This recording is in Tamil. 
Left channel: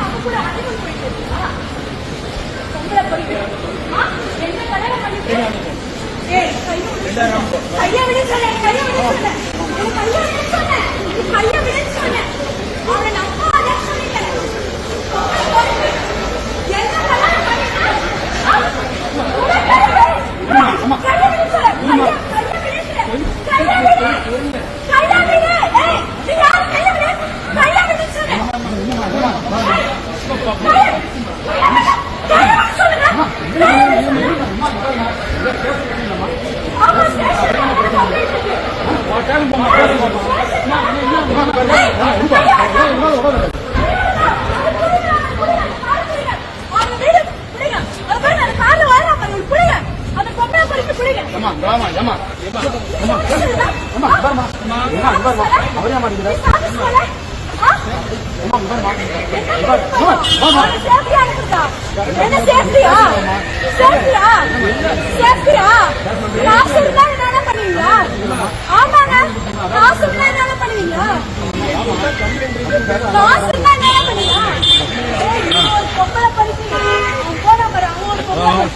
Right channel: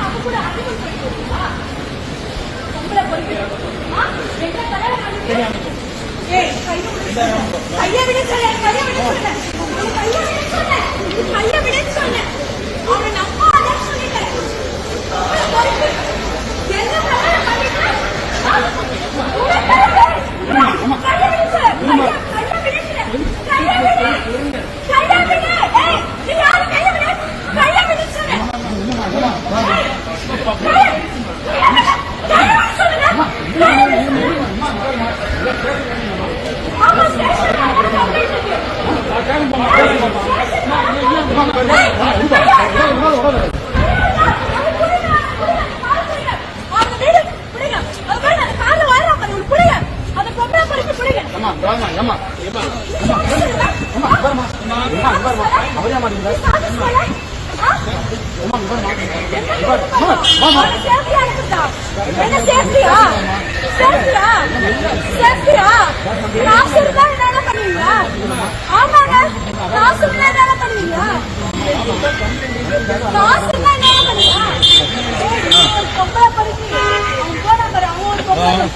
அவ கூட அடிமன் போயிட்டு இருக்கா பொம்பளை போயிட்டு என்ன கல்யாணம் பண்ணிட்டு கைய விட சொல்ல கைய விட சொல்ல கைய விட சொல்ல அவனை நம்ம அதான் சொல்லிட்டேன் என்ன கல்யாணம்